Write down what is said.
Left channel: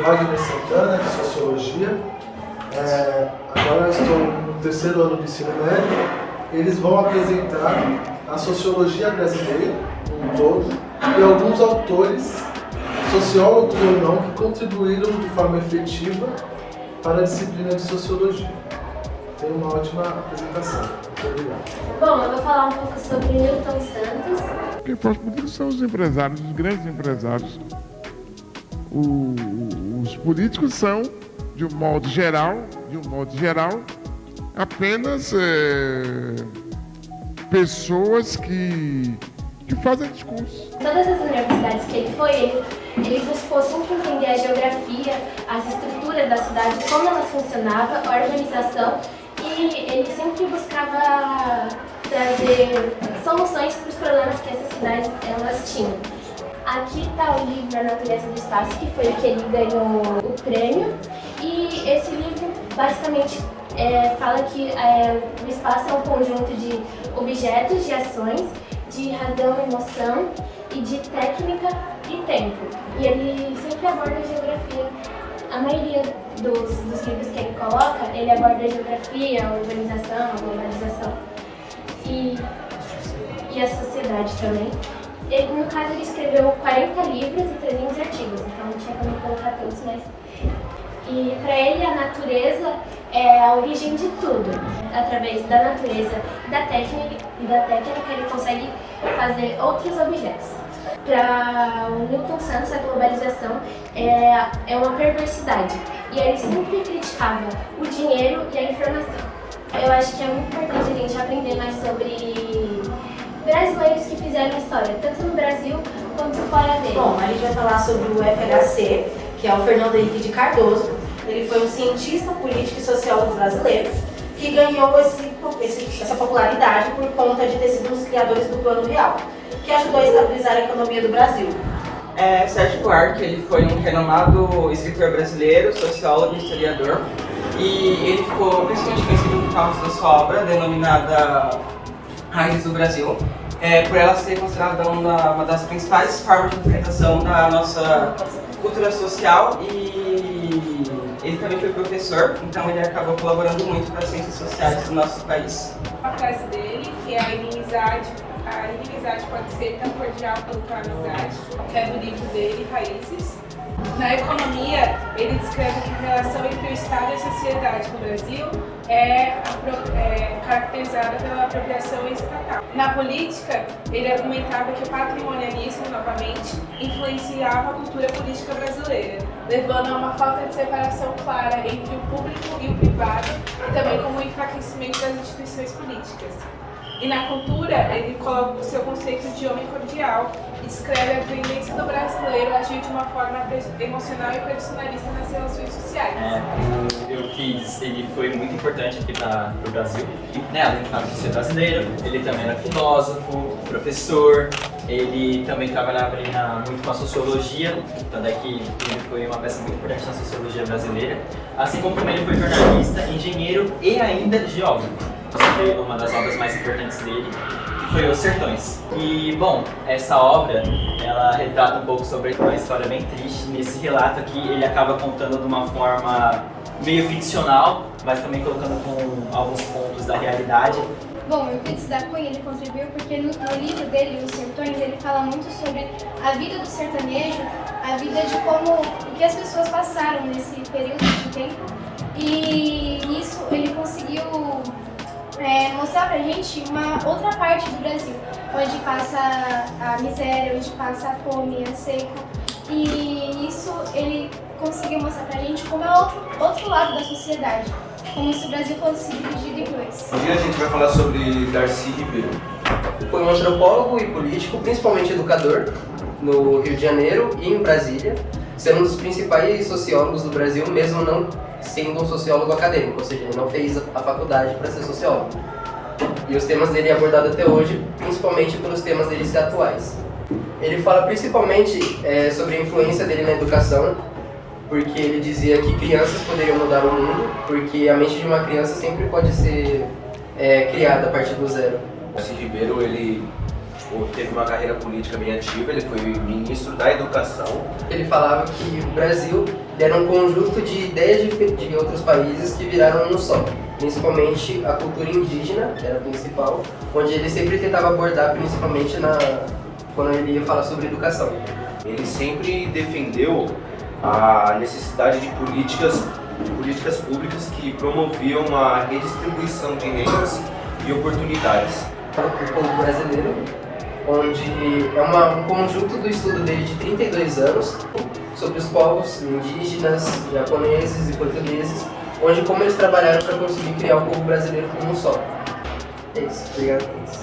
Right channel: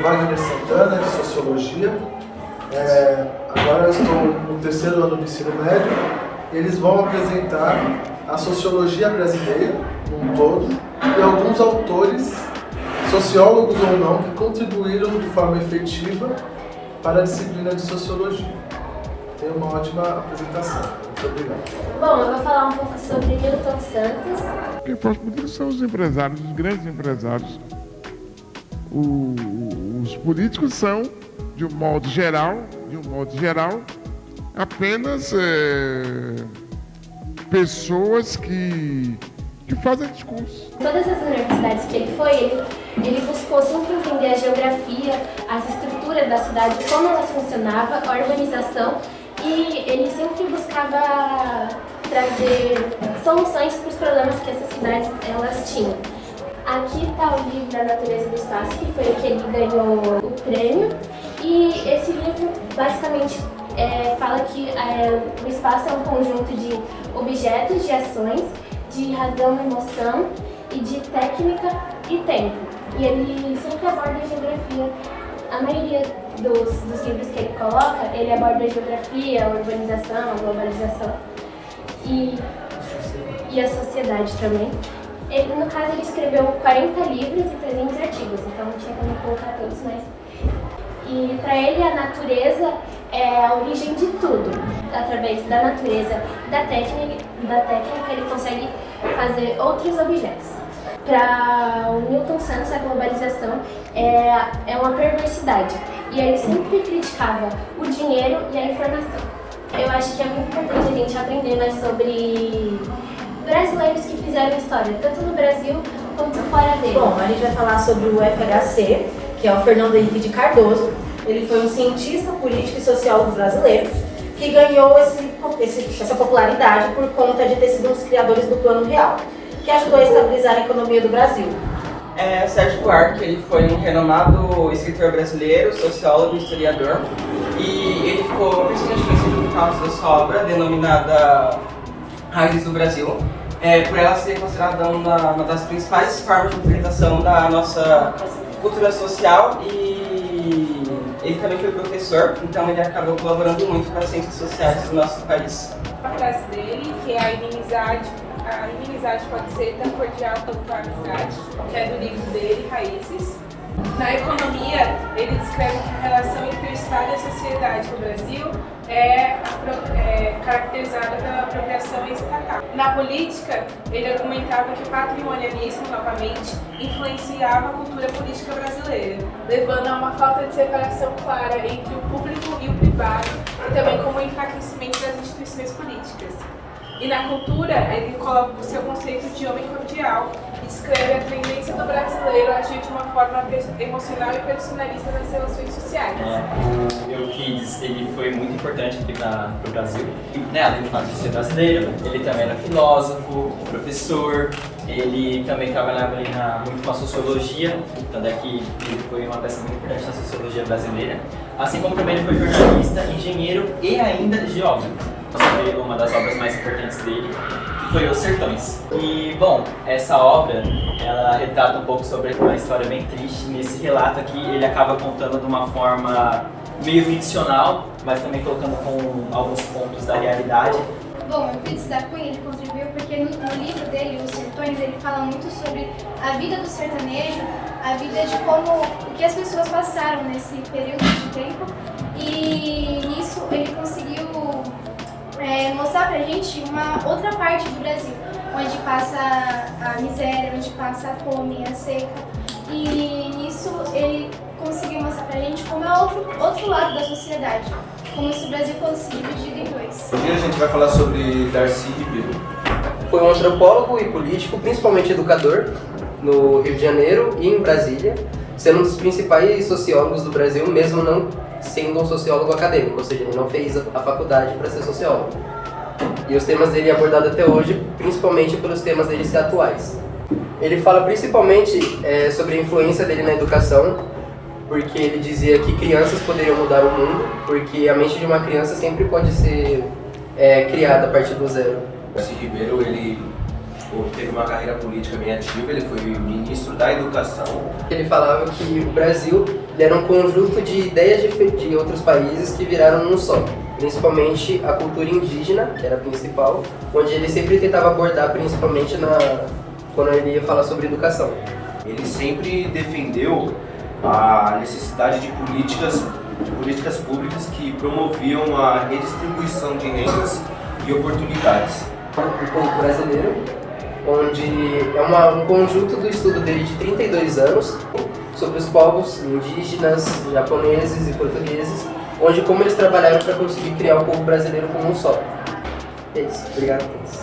Wagner Santana, de Sociologia. Agora eu estou no 3º ano do ensino médio. Eles vão apresentar a sociologia brasileira, um todo, e alguns autores, sociólogos ou não, que contribuíram de forma efetiva para a disciplina de sociologia. Tenha uma ótima apresentação. Muito obrigado. Bom, eu vou falar um pouco sobre Newton Santos. Quem faz política são os empresários, os grandes empresários. Os políticos são, de um modo geral, apenas pessoas que fazem discurso. Todas as universidades que ele foi, ele buscou sempre entender a geografia, as estruturas da cidade, como elas funcionavam, a organização, e ele sempre buscava trazer soluções para os problemas que essas cidades elas tinham. Aqui está o livro A Natureza do Espaço, que foi o que ele ganhou o prêmio, e esse livro basicamente fala que o espaço é um conjunto de objetos, de ações, de razão, emoção e de técnica e tempo. E ele sempre aborda a geografia. A maioria dos livros que ele coloca, ele aborda a geografia, a urbanização, a globalização e a sociedade também. No caso, ele escreveu 40 livros e 300 artigos, então não tinha como colocar todos, mas... E para ele, a natureza é a origem de tudo. Através da natureza e da técnica, ele consegue fazer outros objetos. Para o Newton Santos, a globalização é uma perversidade. E ele sempre criticava o dinheiro e a informação. Eu acho que é muito importante a gente aprender mais sobre brasileiros que fizeram história, tanto no Brasil quanto fora dele. Bom, a gente vai falar sobre o FHC, que é o Fernando Henrique de Cardoso. Ele foi um cientista político e sociólogo brasileiro que ganhou essa popularidade por conta de ter sido um dos criadores do Plano Real, que ajudou a estabilizar a economia do Brasil. Sérgio Buarque, ele foi um renomado escritor brasileiro, sociólogo e historiador, e ele ficou principalmente conhecido por causa da sua obra, denominada Raízes do Brasil, por ela ser considerada uma das principais formas de representação da nossa cultura social, e ele também foi professor, então ele acabou colaborando muito para as ciências sociais do nosso país. A frase dele, que é a inimizade pode ser tão cordial quanto a amizade, que é do livro dele, Raízes. Na economia, ele descreve que a relação entre o Estado e a sociedade no Brasil é caracterizada pela apropriação estatal. Na política, ele argumentava que o patrimonialismo, novamente, influenciava a cultura política brasileira, levando a uma falta de separação clara entre o público e o privado, e também como o enfraquecimento das instituições políticas. E na cultura, ele coloca o seu conceito de homem cordial e descreve a tendência do brasileiro a agir de uma forma emocional e personalista nas relações sociais. O Euclides, ele foi muito importante aqui para o Brasil. Além de ser brasileiro, ele também era filósofo, professor, ele também trabalhava muito com a sociologia, tanto é que ele foi uma peça muito importante na sociologia brasileira. Assim como também ele foi jornalista, engenheiro e ainda geógrafo. Foi uma das obras mais importantes dele, que foi Os Sertões. E, bom, essa obra, ela retrata um pouco sobre uma história bem triste. Nesse relato aqui, ele acaba contando de uma forma meio ficcional, mas também colocando com alguns pontos da realidade. Bom, o Euclides da Cunha, ele contribuiu porque no livro dele, Os Sertões, ele fala muito sobre a vida do sertanejo, a vida de o que as pessoas passaram nesse período de tempo, e nisso ele conseguiu mostrar pra gente uma outra parte do Brasil, onde passa a miséria, onde passa a fome, a seca, e nisso ele conseguiu mostrar pra gente como é outro lado da sociedade, como se o Brasil fosse dividido em dois. Hoje a gente vai falar sobre Darcy Ribeiro. Foi um antropólogo e político, principalmente educador, no Rio de Janeiro e em Brasília, sendo um dos principais sociólogos do Brasil, mesmo não sendo um sociólogo acadêmico, ou seja, ele não fez a faculdade para ser sociólogo. E os temas dele abordados até hoje, principalmente pelos temas dele ser atuais. Ele fala principalmente sobre a influência dele na educação, porque ele dizia que crianças poderiam mudar o mundo, porque a mente de uma criança sempre pode ser criada a partir do zero. Darcy Ribeiro, ele teve uma carreira política bem ativa, ele foi ministro da Educação. Ele falava que o Brasil era um conjunto de ideias de outros países que viraram um só, principalmente a cultura indígena, que era a principal, onde ele sempre tentava abordar principalmente quando ele ia falar sobre educação. Ele sempre defendeu a necessidade de políticas públicas que promoviam a redistribuição de rendas e oportunidades. O povo brasileiro, onde é um conjunto do estudo dele de 32 anos sobre os povos indígenas, japoneses e portugueses, onde como eles trabalharam para conseguir criar o povo brasileiro como um só. É isso. Obrigado a todos.